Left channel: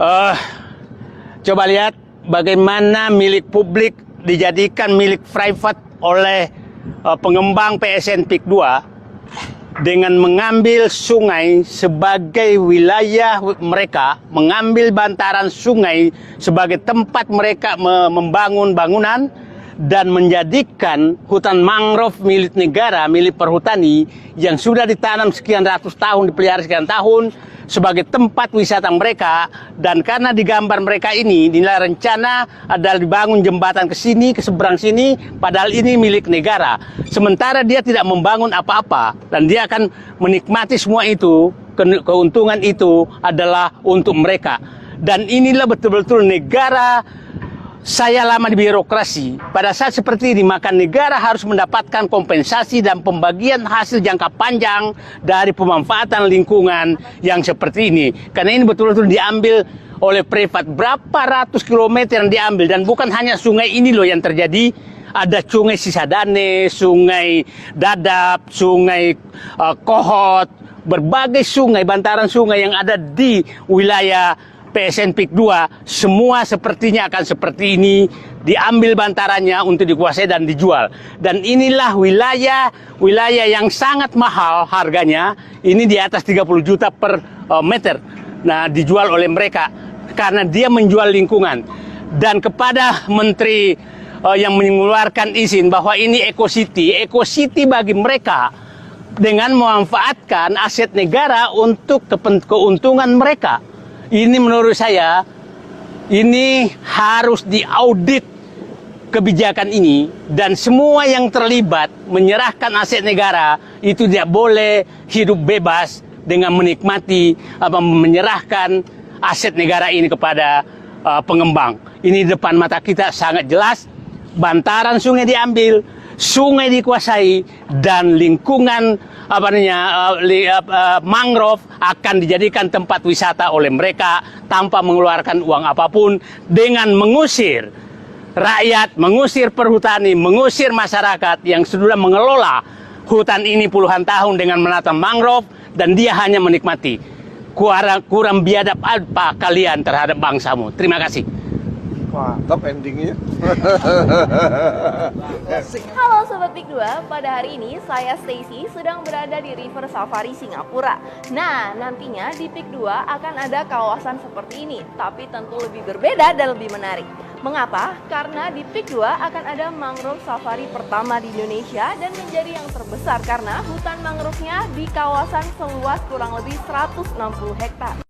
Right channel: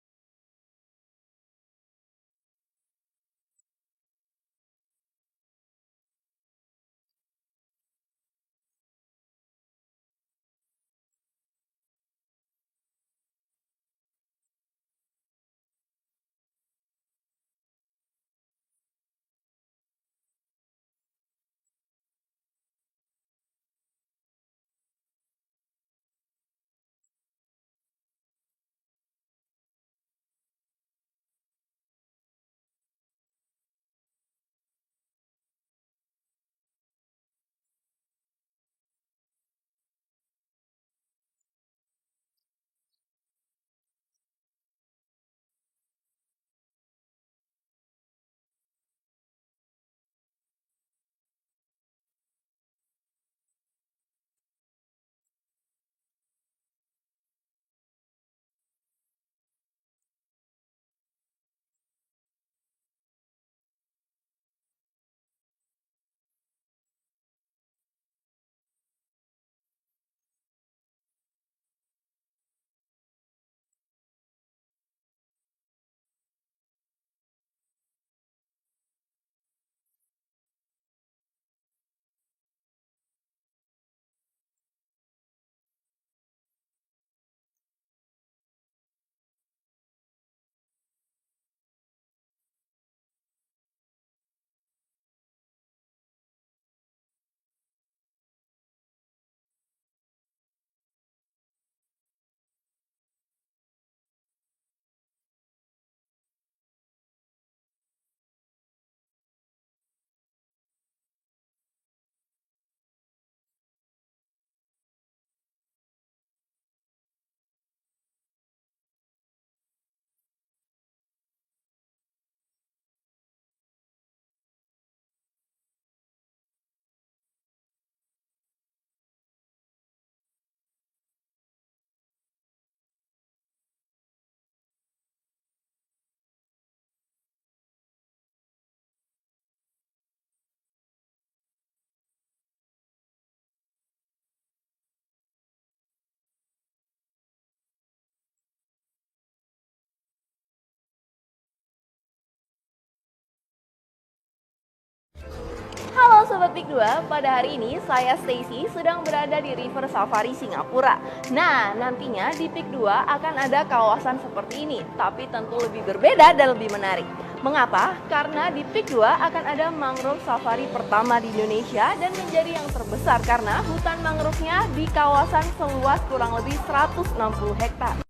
Eh, Coba lihat bagaimana milik publik dijadikan milik private oleh pengembang PSN PIK 2 dengan mengambil sungai sebagai wilayah mereka, mengambil bantaran sungai sebagai tempat mereka membangun bangunan dan menjadikan hutan mangrove milik negara, milik perhutani yang sudah ditanam sekian ratus tahun, dipelihara sekian tahun sebagai tempat wisata mereka. Dan karena di gambar mereka ini nilai rencana adalah dibangun jembatan ke sini, ke seberang sini, padahal ini milik negara. Sementara dia tidak membangun apa-apa dan dia akan menikmati semua itu, keuntungan itu adalah untuk mereka. Dan inilah betul-betul negara. Saya lama di birokrasi, pada saat seperti ini maka negara harus mendapatkan kompensasi dan pembagian hasil jangka panjang dari pemanfaatan lingkungan yang seperti ini. Karena ini betul-betul diambil oleh privat, berapa ratus kilometer yang diambil, dan bukan hanya sungai ini loh yang terjadi. Ada sungai Sisadane, sungai Dadap, sungai Kohot, berbagai sungai, bantaran sungai yang ada di wilayah PSN PIK 2, semua sepertinya akan seperti ini, diambil bantarannya untuk dikuasai dan dijual. Dan inilah wilayah yang sangat mahal harganya, ini di atas 30 juta per meter. Nah, dijual oleh mereka karena dia menjual lingkungan. Dan kepada menteri yang mengeluarkan izin bahwa ini Eco City bagi mereka dengan memanfaatkan aset negara untuk keuntungan mereka. Ini menurut saya, ini harus diaudit kebijakan ini, dan semua yang terlibat menyerahkan aset negara itu tidak boleh hidup bebas dengan menikmati menyerahkan aset negara ini kepada pengembang. Ini di depan mata kita sangat jelas, bantaran sungai diambil, sungai dikuasai, dan lingkungan mangrove akan dijadikan tempat wisata oleh mereka tanpa mengeluarkan uang apapun, dengan mengusir rakyat, mengusir perhutani, mengusir masyarakat yang sudah mengelola hutan ini puluhan tahun dengan menata mangrove, dan dia hanya menikmati. Kurang biadab apa kalian terhadap bangsamu? Terima kasih. Mantap endingnya. Halo Sobat PIK 2, pada hari ini saya Stacy sedang berada di River Safari Singapura. Nah, nantinya di PIK 2 akan ada kawasan seperti ini, tapi tentu lebih berbeda dan lebih menarik. Mengapa? Karena di PIK 2 akan ada mangrove safari pertama di Indonesia dan menjadi yang terbesar karena hutan mangrove-nya di kawasan seluas kurang lebih 160 hektar.